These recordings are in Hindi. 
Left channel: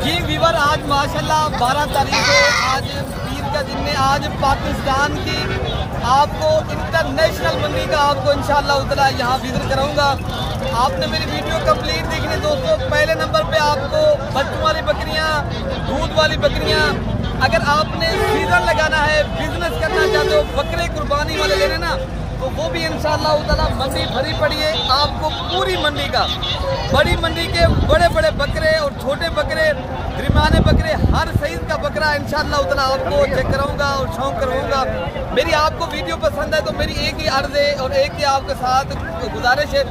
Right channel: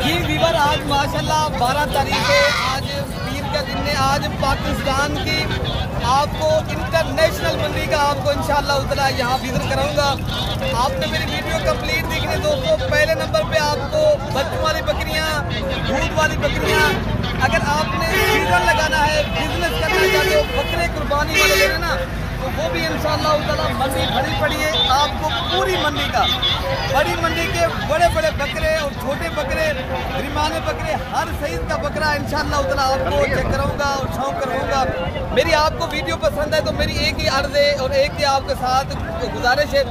जी वीवर, आज माशाल्लाह 12 तारीख है, आज पीर का दिन है। आज पाकिस्तान की आपको इंटरनेशनल मंडी का आपको इंशाल्लाह उतना यहाँ विजिट कराऊंगा। आपने मेरी वीडियो कंप्लीट देखनी दोस्तों। पहले नंबर पे आपको बच्चों वाली बकरियाँ, दूध वाली बकरियाँ, अगर आपने सीजन लगाना है, बिजनेस करना चाहते हो, बकरे कुर्बानी वाले लेने ना, तो वो भी इंशाल्लाह उतना मंडी भरी पड़ी है। आपको पूरी मंडी का, बड़ी मंडी के बड़े बड़े बकरे और छोटे बकरे, दरमियाने बकरे, हर साइज का बकरा इंशाल्लाह उतना आपको चेक कराऊंगा और शौक करवाऊंगा। मेरी आपको वीडियो पसंद है तो मेरी एक ही अर्ज है और एक ही आपके साथ गुजारिश है,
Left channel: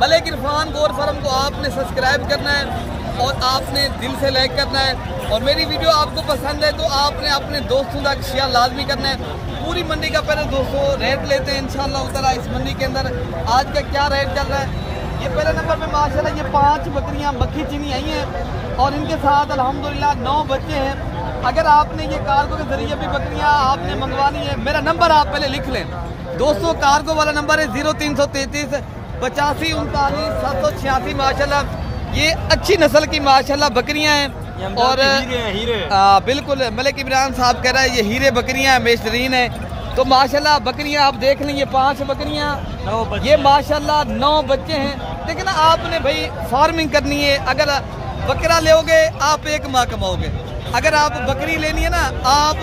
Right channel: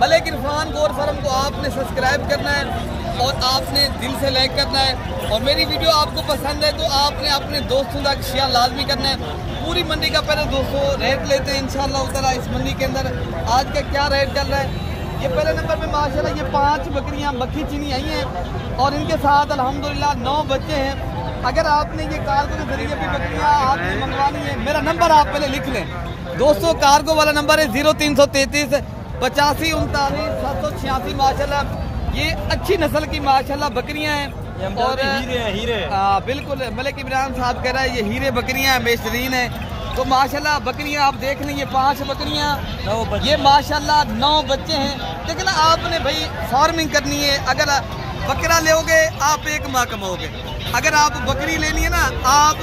मलिक इरफान गोर फार्म को आपने सब्सक्राइब करना है और आपने दिल से लाइक करना है। और मेरी वीडियो आपको पसंद है तो आपने अपने दोस्तों तक शेयर लाजमी करना है। पूरी मंडी का पहले दोस्तों रेट लेते हैं इंशाल्लाह उतारा। इस मंडी के अंदर आज का क्या रेट चल रहा है। ये पहले नंबर पे माशाल्लाह ये 5 बकरियां मक्खी चीनी आई हैं और इनके साथ अल्हम्दुलिल्लाह 9 बच्चे हैं। अगर आपने ये कार्गो के जरिए भी बकरियां आपने मंगवानी है, मेरा नंबर आप पहले लिख लें दोस्तों। कार्गो वाला नंबर है 0333 85 39 786। माशाल्लाह ये अच्छी नस्ल की माशाल्लाह बकरियां हैं और हीरे बिल्कुल मलिक इमरान साहब कह रहा है ये हीरे बकरियां बेहतरीन है। तो माशाल्लाह बकरियां आप देख लें, ये 5 बकरियां, ये माशाल्लाह 9 बच्चे हैं। लेकिन आपने भाई फार्मिंग करनी है, अगर बकरा लोगे आप 1 माह कमाओगे, अगर आप बकरी लेनी है ना आप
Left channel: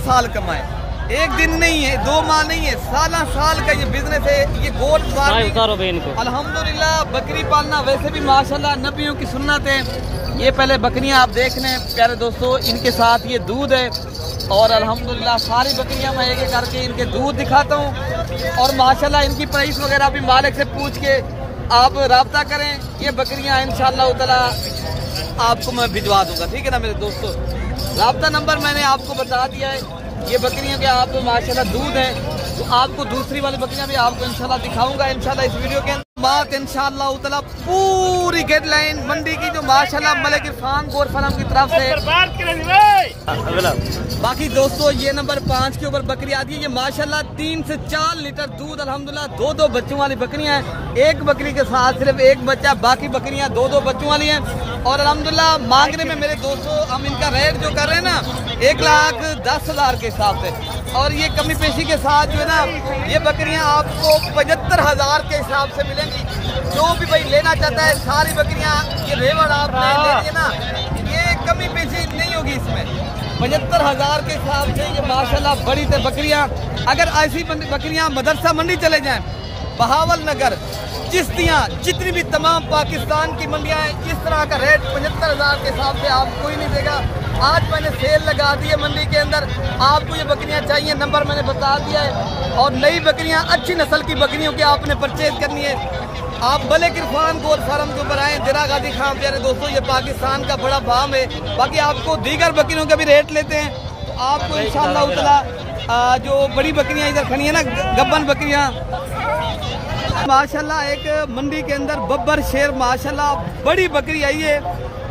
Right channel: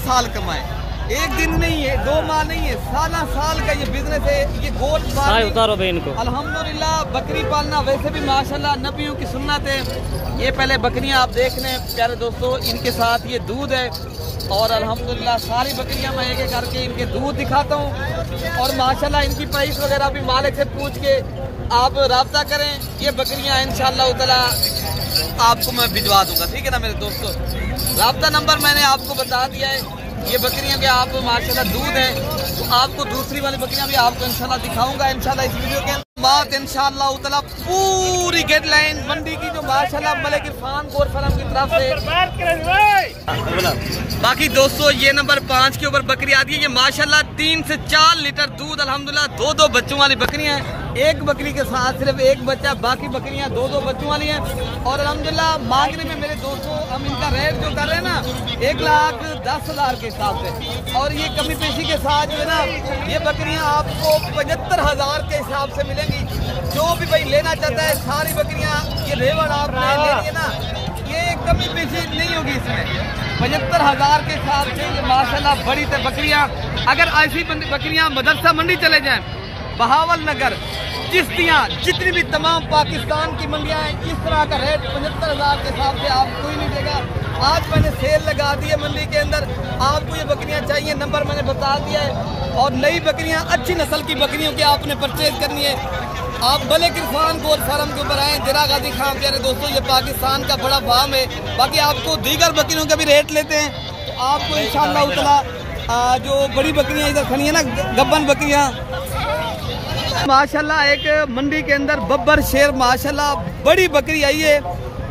साल कमाए, एक दिन नहीं है, 2 माह नहीं है, साल का ये बिजनेस है। ये गोल्ड उतारो भाई इनको। अल्हम्दुलिल्लाह बकरी पालना वैसे भी माशाल्लाह नबियों की सुन्नत है। ये पहले बकरियां आप देख लें प्यारे दोस्तों, इनके साथ ये दूध है और अल्हम्दुलिल्लाह सारी बकरियां मैं एक एक करके इनके दूध दिखाता हूँ और माशाल्लाह इनकी प्राइस वगैरह भी मालिक से पूछ के आप राब्ता करें। ये बकरियां इंशाल्लाह ताला आपको मैं भिजवा दूंगा, ठीक है ना मेरे दोस्तों। राब्ता नंबर मैंने आपको बता दिया है। ये बकरियां के आप माशाल्लाह दूध है, तो आपको दूसरी वाली बकरियां भी आपको इंशाल्लाह दिखाऊंगा इंशाल्लाह इस वीडियो के बात इंशाल्लाह उतना पूरी गाइडलाइन मंडी की जो माशाल्लाह मलिक इरफान गोर फार्म की तरफ से। बाकी दोस्तों ये नंबर 5 के ऊपर बकरी आती है। ये माशाल्लाह 3 से 4 लीटर दूध अल्हम्दुलिल्लाह 2 बच्चों वाली बकरियां हैं। एक बकरी के साथ सिर्फ एक बच्चा, बाकी बकरियां 2 बच्चों वाली हैं। और अल्हम्दुलिल्लाह मांगने में मेरे दोस्तों हम इनका रेट जो कर रहे हैं ना 1,10,000 के हिसाब से, और ये कमी पेशी के साथ जो है ना ये बकरियां आपको 75,000 के हिसाब से मिलेंगी। जो भी भाई लेना चाहता है सारी बकरियां ये रेवड़ आपने लेनी है ना, ये कमी पेशी नहीं होगी इसमें। 75,000 के हिसाब से ये माशाल्लाह बड़ी बकरियां। अगर ऐसी बकरियां मदरसा मंडी चले जाएं, बहावल नगर, चिश्तियाँ, जितनी भी तमाम पाकिस्तान की मंडियां हैं, इस तरह का रेट 75,000 के हिसाब से आप कोई नहीं देगा। आज मैंने सेल लगा दी है मंडी के अंदर। आपको ये बकरियां चाहिए, नंबर मैंने बता दिया है। और नई बकरियां, अच्छी नस्ल की बकरियों की आपने परचेज करनी है, आप मलिक इरफान गोर फार्म के ऊपर आए, दिरा गाजी खां। प्यारे दोस्तों ये पाकिस्तान का बड़ा फार्म है। बाकी आपको दीगर बकरियों का भी रेट लेते हैं तो आपको इंशाल्लाह उतना जो बड़ी बकरियां इधर खड़ी है ना, गब्बन बकरियां माशाल्लाह एक मंडी के अंदर बब्बर शेर माशाल्लाह बड़ी बकरी आई है,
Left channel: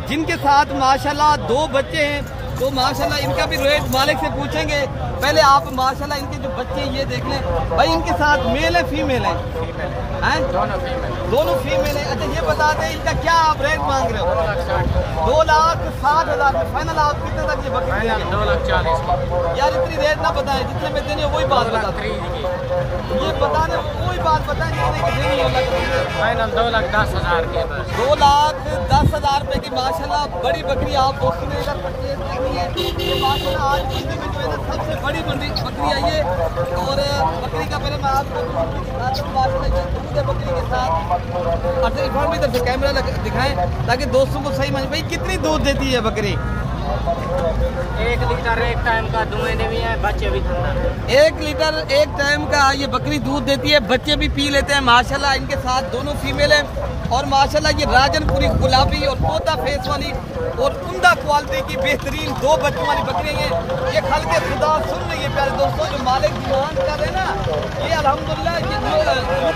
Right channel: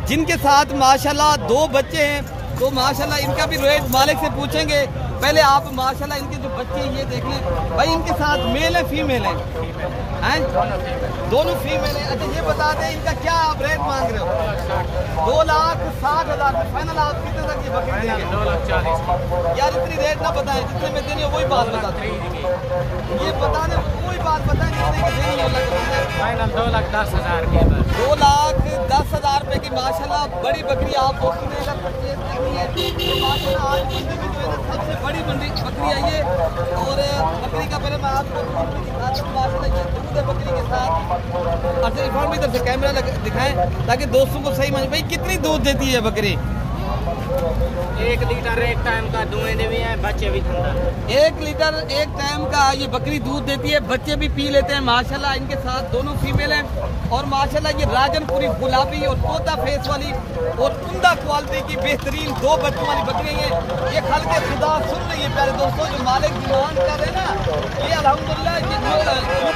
जिनके साथ माशाल्लाह 2 बच्चे हैं। तो माशाल्लाह इनका भी रेट मालिक से पूछेंगे। पहले आप माशाल्लाह इनके जो बच्चे हैं ये देख लें भाई, इनके साथ मेल है फीमेल है? दोनों फीमेल है। अच्छा ये बता दें इनका क्या आप रेट मांग रहे हो? 2,60,000 में फाइनल। आप कितने तक ये बकरी? 2,40,000 की। यार इतनी रेट ना बताएं, जितने में देनी हो वही बात बताते। ये बताने वही बात बताएं जितने की देनी हो। फाइनल 2,10,000 के। 2,10,000 रुपए की माशाल्लाह बड़ी बकरी आप दोस्तों ने अगर परचेज करनी है, ये माशाल्लाह आज मंडी में जो है ना सबसे बड़ी मंडी बकरी आई है। और बकरी का पहले मैं आपको दूध माशाल्लाह ये दूध है बकरी के साथ। अच्छा इरफान भी इधर से कैमरा दिखाएं ताकि दोस्तों को सही समझ। भाई कितनी दूध देती है बकरी? 1 लीटर एक टाइम का दूध भी है, बच्चे भी खाना है। 1 लीटर एक टाइम का ये बकरी दूध देती है, बच्चे भी पी लेते हैं माशाल्लाह। इनके साथ दोनों फीमेल हैं और माशाल्लाह ये राजनपुरी गुलाबी और तोता फेस वाली और उम्दा क्वालिटी की बेहतरीन 2 बच्चों वाली बकरी है। ये खल के खुदा सुन रही है प्यारे दोस्तों, जो मालिक डिमांड कर रहे हैं ना, ये अल्हम्दुलिल्लाह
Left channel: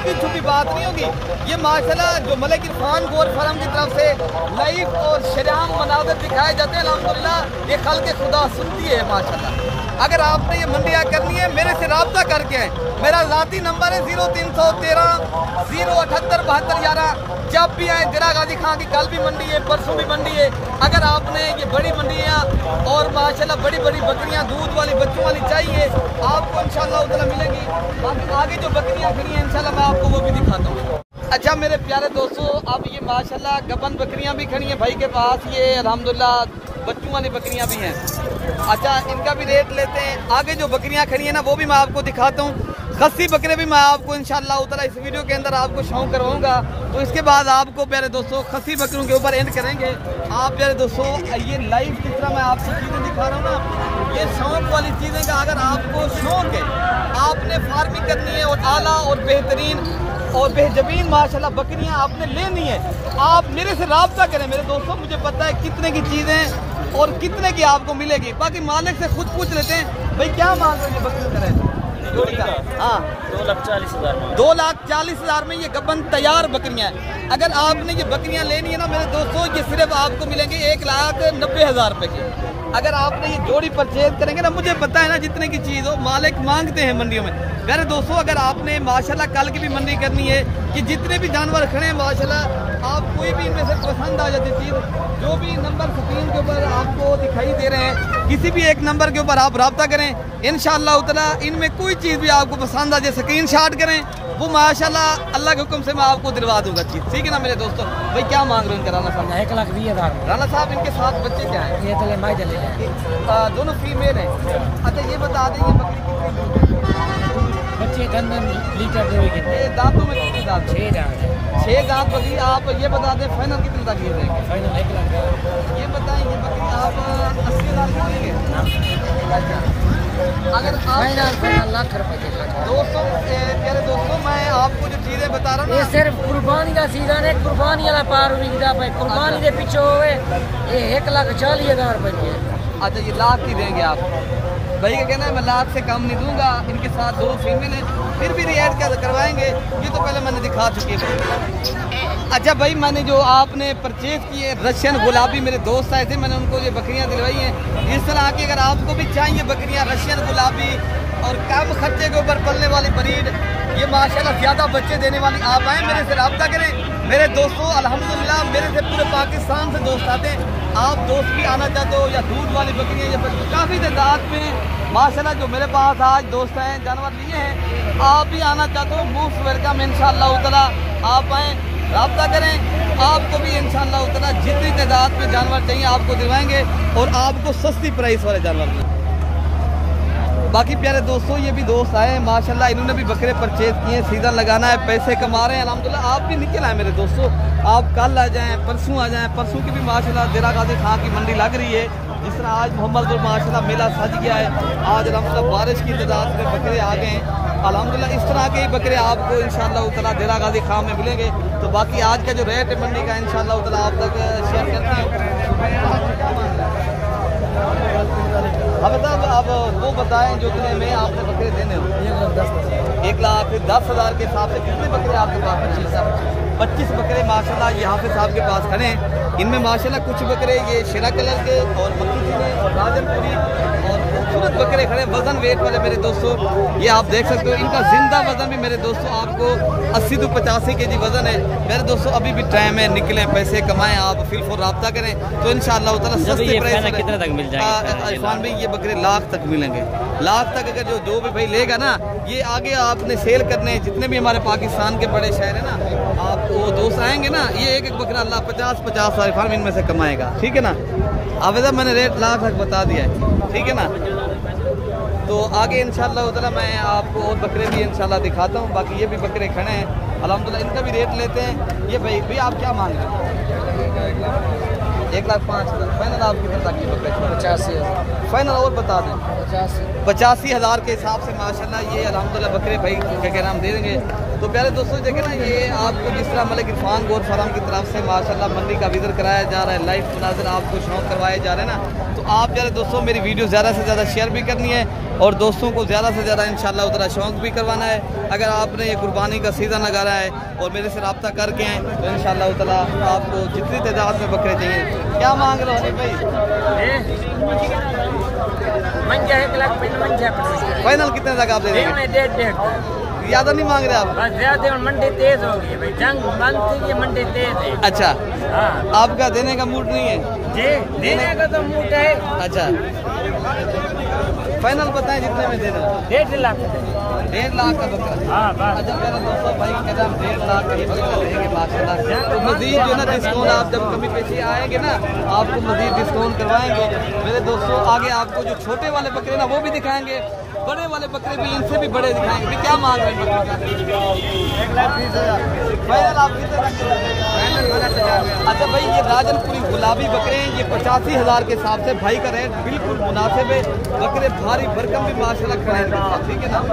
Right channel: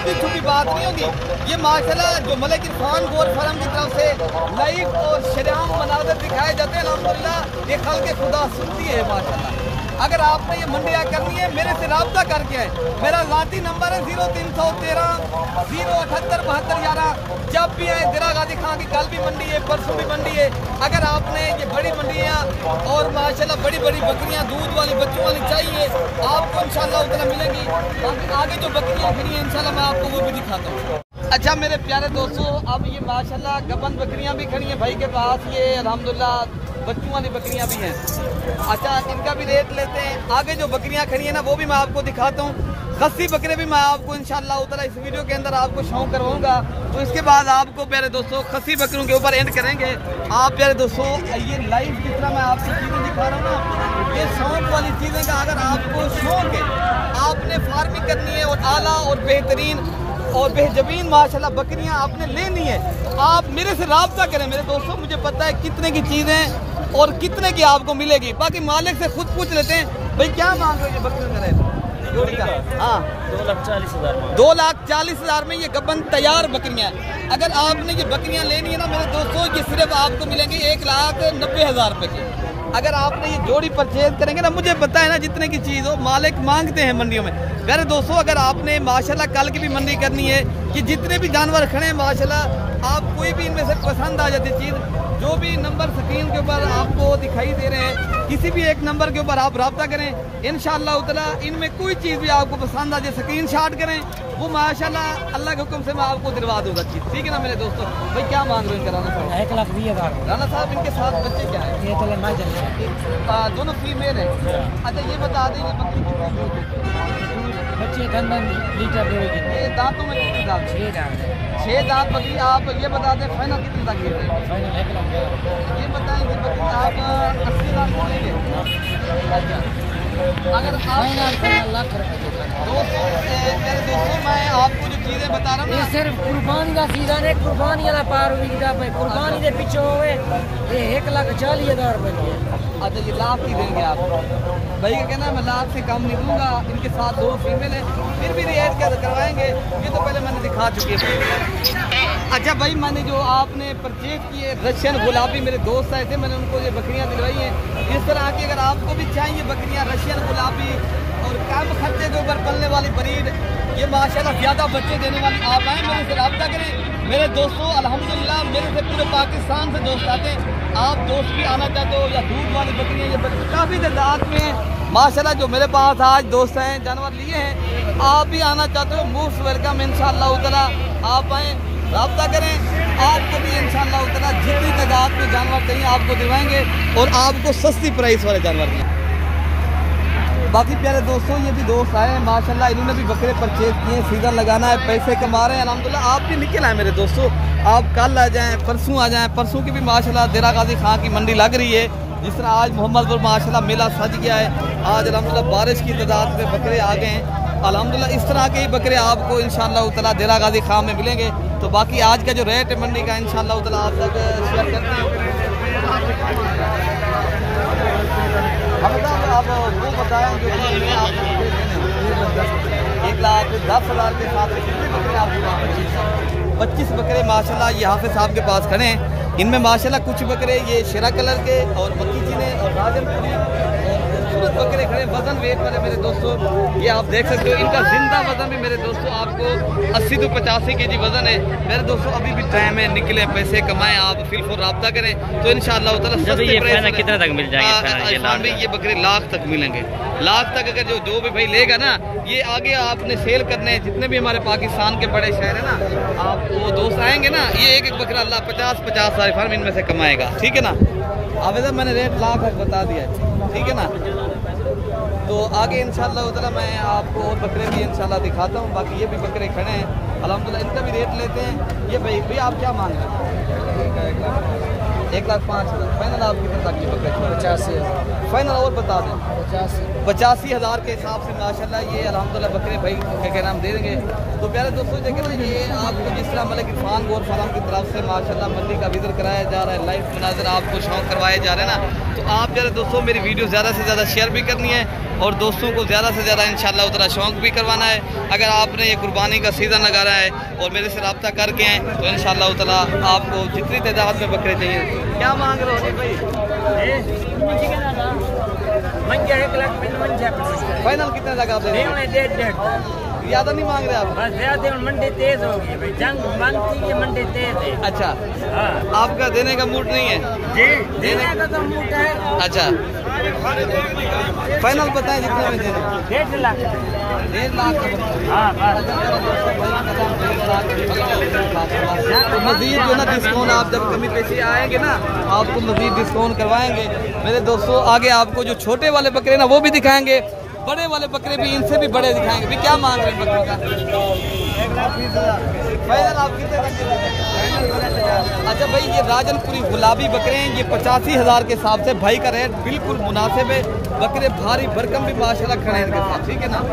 ये छुपी बात नहीं होगी। ये माशाल्लाह जो मलिक इरफान गोर फार्म की तरफ से लाइव और शरेआम मनाज़र दिखाए जाते हैं, अल्हम्दुलिल्लाह ये खल के खुदा सुनती है माशाल्लाह। अगर आपने ये मंडियाँ करनी है मेरे से रब्ता करके आए। मेरा ज़ाती नंबर है 0313 078 72 11। जब भी आए दिरा गाजी खां की कल भी मंडी है, परसों भी मंडी है। अगर आपने ये बड़ी मंडियाँ और माशाल्लाह बड़ी बड़ी बकरियाँ दूध वाली बच्चों वाली चाहिए आपको इंशाल्लाह उतना मिलेंगी। बाकी आगे जो बकरियाँ खड़ी हैं इंशाल्लाह मैं आपको वो भी दिखाता हूँ। अच्छा मेरे प्यारे दोस्तों, अब ये माशाल्लाह गबन बकरियां भी खड़ी हैं भाई के पास, ये अल्हम्दुलिल्लाह बच्चों वाली बकरियां भी हैं। अच्छा इनका भी रेट लेते हैं। आगे जो बकरियां खड़ी हैं ना वो भी मैं आपको दिखाता हूँ। खस्सी बकरे भी मैं आपको इंशाल्लाह उतना इस वीडियो के अंदर आपको शौक करवाऊंगा। तो इसके बाद आपको प्यारे दोस्तों खस्सी बकरों के ऊपर एंड करेंगे। आप प्यारे दोस्तों ये लाइव जिस तरह मैं आपको चीज़ें दिखा रहा हूँ ना, ये शौक वाली चीज़ें का अगर आपको शौक है, आपने फार्मिंग करनी है और आला और बेहतरीन और बेहजबीन माशाल्लाह बकरियां आपने लेनी है, तो आप मेरे से राब्ता करें मेरे दोस्तों। मुझे पता है कितने की चीज़ें और कितने की आपको मिलेगी। बाकी मालिक से खुद पूछ लेते हैं भाई क्या मांग रहे हैं बकरी का रेट? हाँ 2,40,000 2,40,000 में ये गबन तैयार बकरियां हैं। अगर आपने ये बकरियां लेनी है ना मेरे दोस्तों, ये सिर्फ आपको मिलेंगे 1,90,000 रुपए की। अगर आपने ये जोड़ी परचेज करेंगे ना, मुझे पता है ना जितने की चीज़ हो मालिक मांगते हैं मंडियों में। मेरे दोस्तों अगर आपने माशाल्लाह कल की भी मंडी करनी है कि जितने भी जानवर खड़े हैं माशाल्लाह, आप कोई भी इनमें से पसंद आ जाती चीज़, जो भी नंबर स्क्रीन के ऊपर आपको दिखाई दे रहे हैं, किसी भी एक नंबर के ऊपर आप रब्ता करें इंशाअल्लाह ताला। इनमें कोई चीज़ भी आपको पसंद आ जाए स्क्रीन शॉट करें, वो माशाल्लाह अल्लाह के हुक्म से मैं आपको दिलवा दूंगा चीज़। ठीक है ना मेरे दोस्तों? भाई क्या मांग रहे हैं इनके राना साहब? 1,20,000 राना साहब इनके साथ बच्चे क्या है? ये तो लंबाई चले दोनों फीमेल हैं। अच्छा ये बता देंगे बच्चे 10 लीटर देंगे। दांतों में कितने दांत? 6 दांत। 6 दांत बकरी। आप ये बता दें फाइनल कितनी तक ये है? फाइनल 1 लाख। ये बताएं ये बकरी आप 80 लाख लेंगे? अगर आप लाख रुपए दोस्तों मेरे दोस्तों मैं आपको जो चीज़ें बता रहा हूँ ये सिर्फ कुर्बानी का सीजन है। कुर्बानी वाला पार विकदा पे कुर्बानी के पीछे होवे ये 1,40,000 रुपए की है। अच्छा ये लाख ही देंगे आप? भाई का कहना है मैं लाख से कम नहीं दूंगा। इनके साथ 2 फीमेल हैं, फिर भी रिएक्ट क्या करवाएंगे, ये तो पहले मैंने दिखा चुकी है। अच्छा भाई मैंने जो आपने परचेज किए रशियन गुलाबी, मेरे दोस्त आए थे, मैंने उनको ये बकरियां दिलवाई हैं। इस तरह की अगर आपको भी चाहिए बकरियां रशियन गुलाबी और कम खर्चे के ऊपर पलने वाली ब्रीड, ये माशाल्लाह ज़्यादा बच्चे देने वाली, आप आए मेरे से रब्ता करें। मेरे दोस्तों अल्हम्दुलिल्लाह मेरे से पूरे पाकिस्तान से दोस्त आते हैं। आप दोस्त भी आना चाहते हो या दूध वाली बकरियाँ, ये काफ़ी तादाद में माशाल्लाह जो मेरे पास आज दोस्त हैं जानवर लिए हैं, आप भी आना चाहते हो मुफ्त वेलकम इंशाअल्लाह ताला। आप आएँ रब्ता करें, आपको भी इंशाअल्लाह ताला जितनी तादाद में जानवर चाहिए आपको दिलवाएंगे और आपको सस्ती प्राइस वाले जानवर देंगे। बाकी प्यारे दोस्तों ये भी दोस्त आए हैं माशाल्लाह, इन्होंने भी बकरे परचेज किए, सीजन लगाना है, पैसे कमा रहे हैं अल्हम्दुलिल्लाह। आप भी निकल आए मेरे दोस्तों, आप कल आ जाएं, परसों आ जाएं। परसों की भी माशाल्लाह दिरा गाजी खां की मंडी लग रही है। जिस तरह आज मोहम्मदपुर माशाल्लाह मेला सज गया है, आज अल्हम्दुलिल्लाह बारिश की तादाद में बकरे आ गए हैं अल्हम्दुलिल्लाह। इस तरह के ही बकरे आपको इंशाअल्लाह ताला दिरा गाजी खां में मिलेंगे। तो बाकी आज का जो रेट है मंडी का इंशाअल्लाह ताला आप लोग शेयर करते हैं। हम आप वो बताएं जो कि आपने बकरे देने हो? 1,10,000 के हिसाब से कितने बकरे आपके पास? 25 बकरे माशाल्लाह यहाँ पे साहब के पास खड़े हैं। इनमें माशाल्लाह कुछ बकरे ये शेरा कलर के और मक्की चीने और राजनपुरी और खूबसूरत बकरे खड़े वजन वेट वाले मेरे दोस्तों, ये आप देख सकते हो। इनका जिंदा वजन भी मेरे दोस्तों आपको 80 से 85 kg वजन है। मेरे दोस्तों अभी भी टाइम है, निकले पैसे कमाएं, आप फिर फॉर रब्ता करें तो इंशाअल्लाह कितने तक मिल जाएंगे? ये बकरे लाख तक मिलेंगे, लाख तक। अगर जो भी भाई लेगा ना, ये आगे आपने सेल करने हैं, जितने भी हमारे पाकिस्तान के बड़े शहर है ना, आप वो दोस्त आएंगे ना, ये एक बकरा अल्लाह 50-50 सारे फार्म इनमें से कमाएगा। ठीक है ना? आवेदा मैंने रेट लाख तक बता दिया है, ठीक है ना? तो आगे इंशाअल्लाह ताला मैं आपको और बकरे भी इंशाअल्लाह दिखाता हूँ। बाकी ये भी बकरे खड़े हैं अल्हम्दुलिल्लाह, इनका भी रेट लेते हैं। ये भाई आप क्या मान रहे हैं? 1,05,000 फाइनल। आप कितने तक ये बकरे? 85,000 फाइनल। और बता दें 85,000 के हिसाब से माशाल्लाह ये अल्हम्दुलिल्लाह बकरे भाई क्या नाम दे देंगे। तो प्यारे दोस्तों देखें ना, ये आपको जिस तरह मलिक इरफान गोर फार्म की तरफ से माशाल्लाह मंडी का विजिट कराया जा रहा है, लाइव मुनाज़र आपको शौक करवाए जा रहे हैं ना, तो आप प्यारे दोस्तों मेरी वीडियो ज़्यादा से ज़्यादा शेयर भी करनी है और दोस्तों को ज़्यादा से ज़्यादा इंशाअल्लाह उतना शौक भी करवाना है। अगर आपने ये कुर्बानी का सीज़न लगा रहा है और मेरे से रब्ता करके हैं तो इंशाअल्लाह ताला आपको जितनी तादाद में बकरे चाहिए। क्या मांग रहे हैं भाई? मंजा 1,55,000 फाइनल कितने लगा? 1,5,5 ज्यादा नहीं मांग रहे आप? बस ज्यादा मंडी तेज हो गई भाई, जंग बंद थी कि मंडी तेज है। अच्छा, हाँ आपका देने का मूड नहीं है? जी, देने का तो मूड है। अच्छा, फाइनल बताएं कितने में देना? 1.5 लाख। 1.5 लाख का बता। हाँ बस। अच्छा चलो दोस्तों, भाई मेरा 1.5 लाख तो मजीद जो ना डिस्काउंट, आप जब कमी पेशी आएंगे ना आपको मजीद डिस्काउंट करवाएंगे मेरे दोस्तों। आगे आपको जो छोटे वाले बकरे ना वो भी दिखाएंगे, बड़े वाले बकरे भी इनसे भी बड़े दिखाएंगे। भी क्या मांग रहे हैं बकरे का? 1,20,000 फाइनल आप कितने का? फाइनल 50,000। अच्छा भाई, ये राजनपुरी गुलाबी बकरे हैं, ये 85,000 के हिसाब से भाई का रेट बिल्कुल मुनासिब है। बकरे भारी भरकम भी माशाल्लाह खड़े हैं इनके साथ, ठीक है ना। तो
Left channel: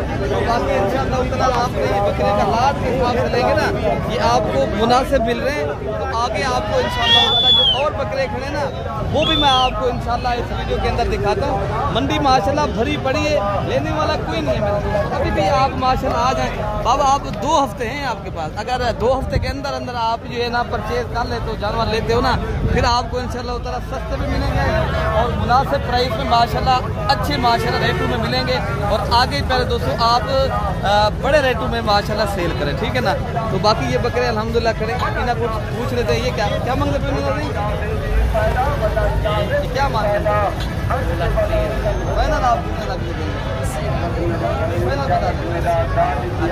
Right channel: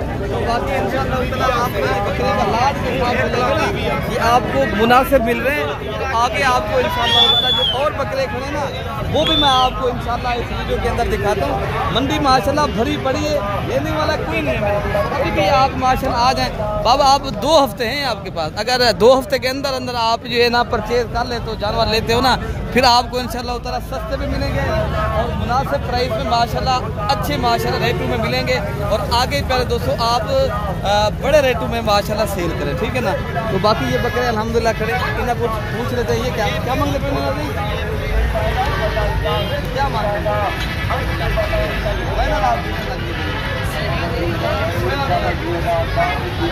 बाकी इंशाअल्लाह आपको बकरे का लाट के हिसाब से लेंगे ना, ये आपको मुनासिब मिल रहे हैं। तो आगे आपको इंशाअल्लाह जो और बकरे खड़े ना वो भी मैं आपको इंशाअल्लाह इस वीडियो के अंदर दिखाता हूँ। मंडी माशाल्लाह भरी पड़ी है, लेने वाला कोई नहीं है। अभी भी आप माशाल्लाह आ जाएं बाबा, आप 2 हफ्ते हैं आपके पास। अगर 2 हफ्ते के अंदर अंदर आप जो है ना परचेज कर लेते हो, जानवर लेते हो ना, फिर आपको इंशाल्लाह उतना सस्ते भी मिलेंगे और मुनासिब प्राइस में माशाल्लाह अच्छे माशाल्लाह रेटों में मिलेंगे। और आगे पहले दोस्तों आप बड़े रेटों में माशाल्लाह सेल करें, ठीक है ना। तो बाकी ये बकरे अल्हम्दुलिल्लाह खड़े, इन्हें कुछ पूछ रहे थे, ये क्या मांग रहे थे? क्या मांग रहे थे?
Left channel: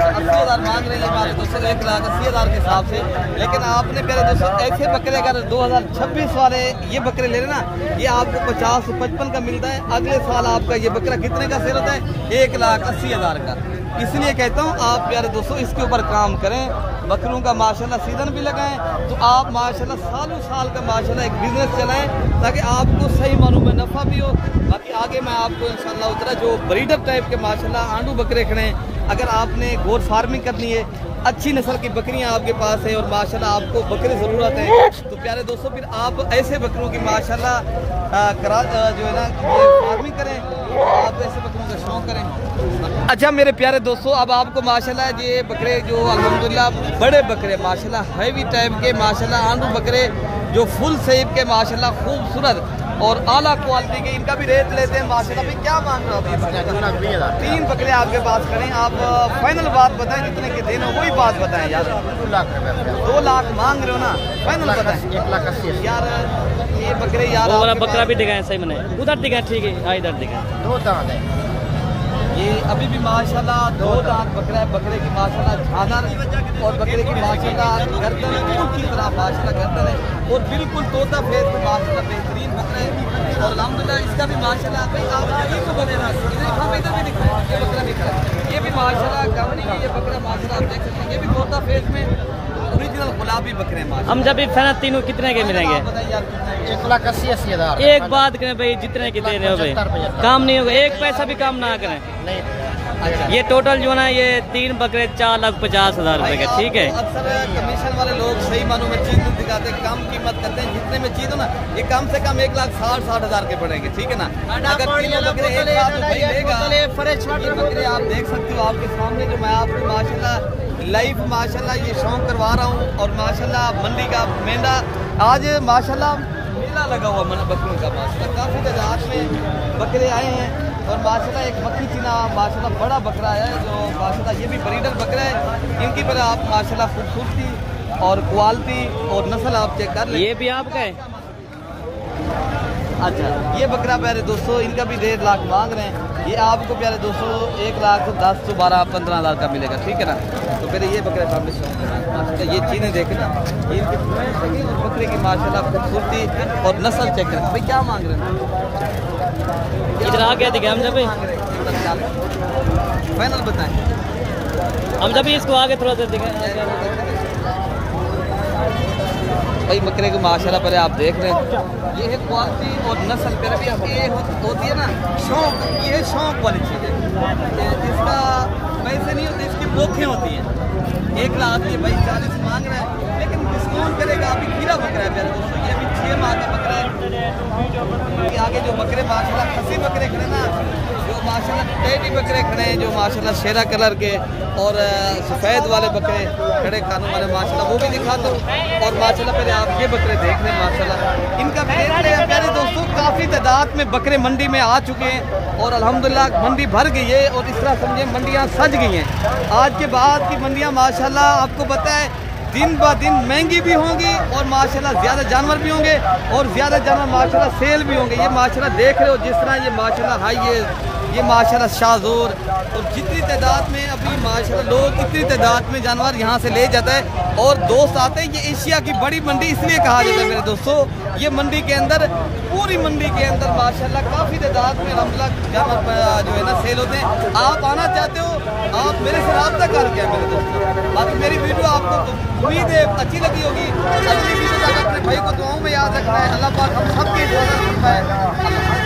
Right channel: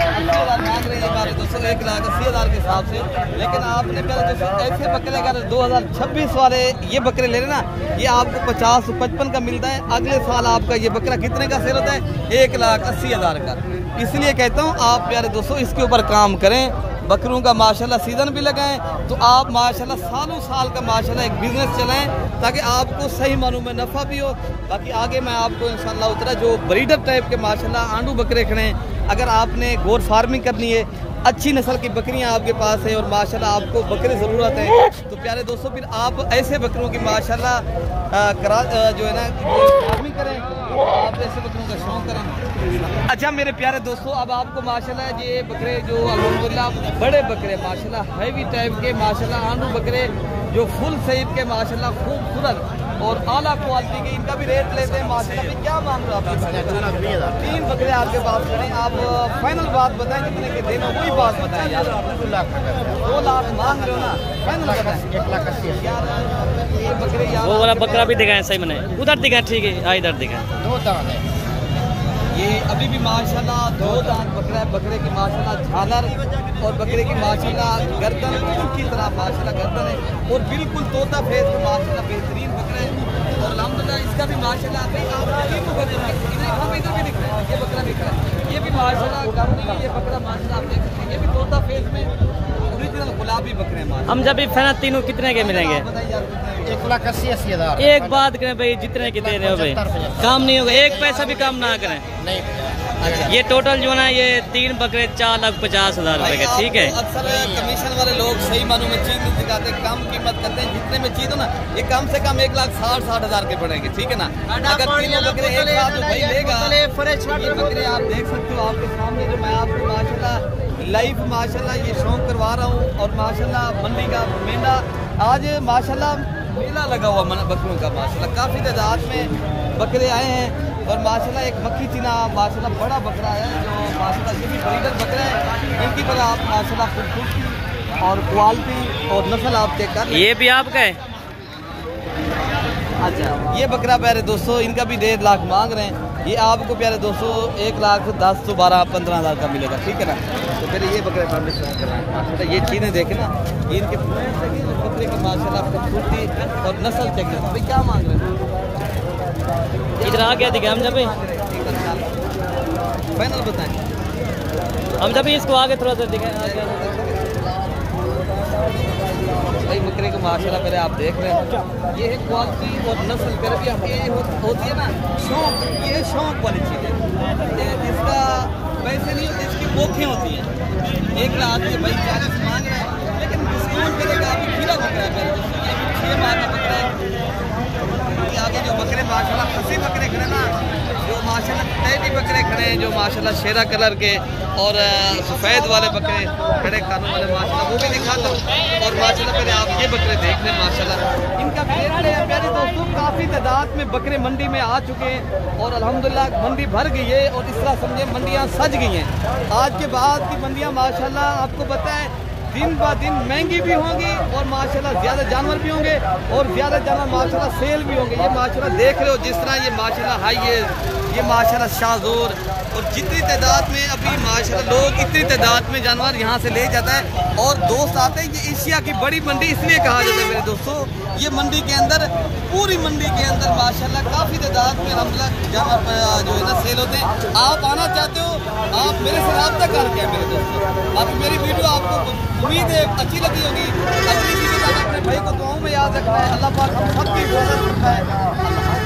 80,000 मांग रही है हमारे दोस्तों, 1,80,000 के हिसाब से। लेकिन आपने पहले दोस्तों ऐसे बकरे अगर 2026 वाले ये बकरे ले रहे ना, ये आपको 50 से 55 का मिलता है। अगले साल आपका ये बकरा कितने का सेल होता है? 1,80,000 का। इसलिए कहता हूँ आप प्यारे दोस्तों इसके ऊपर काम करें, बकरों का माशाल्लाह सीजन भी लगाएं, तो आप माशाल्लाह सालों साल का माशाल्लाह एक बिजनेस चलाएं, ताकि आपको सही मानों में नफा भी हो। बाकी आगे मैं आपको इंशाल्लाह उतना जो ब्रीडर टाइप के माशाल्लाह आंडू बकरे खड़े हैं, अगर आपने गोर फार्मिंग करनी है, अच्छी नस्ल की बकरियां आपके पास है और माशाल्लाह आपको बकरे ज़रूरत है, तो प्यारे दोस्तों फिर आप ऐसे बकरों की माशाल्लाह जो है ना फार्मिंग करें, आप ऐसे बकरों का शौक करें। अच्छा मेरे प्यारे दोस्तों, अब आपको माशाल्लाह ये बकरे जो अल्हम्दुलिल्लाह बड़े बकरे माशाल्लाह हैवी टाइप के माशाल्लाह आंडू बकरे जो फुल सेब के माशाल्लाह खूबसूरत और आला क्वालिटी के, इनका भी रेट लेते हैं माशाल्लाह। भी क्या मांग रहे हो आप? 3 बकरे आपके पास खड़े, आप फाइनल बात बताएं कितने के देना, वही बात बताएं यार। 2 लाख रुपए। 2 लाख मांग रहे हो ना? फाइनल 1,80,000 यार। ये बकरे यार वो वाला बकरा भी दिखाएं, सही मैंने उधर दिखाएं, ठीक है इधर दिखाएं। 2 दांत है ये, अभी भी माशाल्लाह 2 दांत बकरा है। बकरे की माशाल्लाह झालर और बकरे की माशाल्लाह गर्दन ऊँट की तरह माशाल्लाह गर्दन है और बिल्कुल तोता फेस में माशाल्लाह बेहतरीन बकरा है। और अल्हम्दुलिल्लाह इसका भी माशाल्लाह ये बकरा भी खड़ा है, ये भी माशाल्लाह गर्दन की ये बकरा माशाल्लाह आप देख सकते हैं, ये भी तोता फेस में ओरिजिनल गुलाबी बकरे। हम जब भी फाइनल तीनों कितने के मिलेंगे? 1,80,000। एक बात करें भाई, जितने के दे रहे हो भाई काम नहीं होगा, एक पैसा भी काम ना करें। नहीं ये टोटल जो ना ये 3 बकरे 4,50,000 रुपए के, ठीक है। अक्सर कमीशन वाले लोग सही मानों में चीज नहीं दिखाते, कम कीमत करते हैं। जितने में चीज हो ना ये कम से कम 1,60,000 के पड़ेंगे, ठीक है ना। अगर तीनों बकरे एक साथ भाई लेगा, ये बकरे आप देख सकते हो आपके सामने, जो मैं आपको माशाल्लाह लाइव माशाल्लाह ये शौक करवा रहा हूँ। और माशाल्लाह मंडी का मेंढा आज माशाल्लाह मेला लगा हुआ बकरों का, माशाल्लाह काफी तादाद में बकरे आए हैं। और माशाल्लाह एक मक्खी चीना माशाल्लाह बड़ा बकरा है जो माशाल्लाह ये भी ब्रीडर बकरा है। इनकी पर आप माशाल्लाह खूबसूरती और क्वालिटी और नस्ल आप चेक कर। ये भी आपका है? अच्छा, ये बकरा प्यारे दोस्तों इनका भी 1.5 लाख मांग रहे हैं। ये आपको प्यारे दोस्तों 1,10,000 तो 12-15,000 का मिलेगा, ठीक है ना। तो फिर ये बकरा तो ये चीज़ें देखे ना, इनके बकरे की माशाल्लाह खूबसूरती और नस्ल चेक करें। भाई क्या मांग रहे हैं? इधर आ गया दिखे हम जब फाइनल बताएं। हम जब इसको आगे थोड़ा सा दिखाएं। भाई बकरे को माशाल्लाह पहले आप देख रहे हैं, ये है क्वालिटी और नस्ल पर भी ये होती है ना शौक, ये है शौक वाली चीज़ है। जिसका वैसे नहीं होती, इसकी मोखें होती हैं। 1 लाख के भाई 40 मांग रहा है, लेकिन डिस्काउंट करेगा। अभी खीरा बकरा है प्यारे दोस्तों, ये अभी 6 माह का बकरा है। आगे जो बकरे माशाल्लाह खसी बकरे खड़े ना, जो माशाल्लाह टेडी बकरे खड़े हैं, जो माशाल्लाह शेरा कलर के और सफ़ेद वाले बकरे खड़े कानों वाले माशाल्लाह वो भी दिखा दो। और माशाल्लाह पहले आप ये बकरे देख लें, माशाल्लाह इनका भी रेट है प्यारे दोस्तों काफ़ी तादाद में में बकरे मंडी में आ चुके हैं और अल्हम्दुलिल्लाह मंडी भर गई है और इस तरह समझे मंडियाँ सज गई हैं। आज के बाद की मंडियाँ माशाल्लाह आपको पता है दिन ब दिन महंगी भी होंगी और माशाल्लाह ज़्यादा जानवर भी होंगे और ज़्यादा जानवर माशाल्लाह सेल भी होंगे। ये माशाल्लाह देख रहे हो जिस तरह ये माशाल्लाह हाई ये माशाल्लाह शाहजोर और जितनी तादाद में अभी माशाल्लाह लोग इतनी तादाद में जानवर यहाँ से ले जाता है और दोस्त आते हैं। ये एशिया की बड़ी मंडी इसलिए कहा जाता है मेरे दोस्तों, ये मंडी के अंदर पूरी मंडी के अंदर माशाल्लाह काफ़ी तादाद में जानवर जो है ना सेल होते हैं। आप आना चाहते हो आप मेरे से रब्ता करके हैं मेरे दोस्तों। बाकी मेरी वीडियो आपको उम्मीद है अच्छी लगी होगी। अगली वीडियो तक अपने भाई को दुआओं में याद रखना है। अल्लाह पाक हम सब की हिफाजत फरमाए। अल्लाह।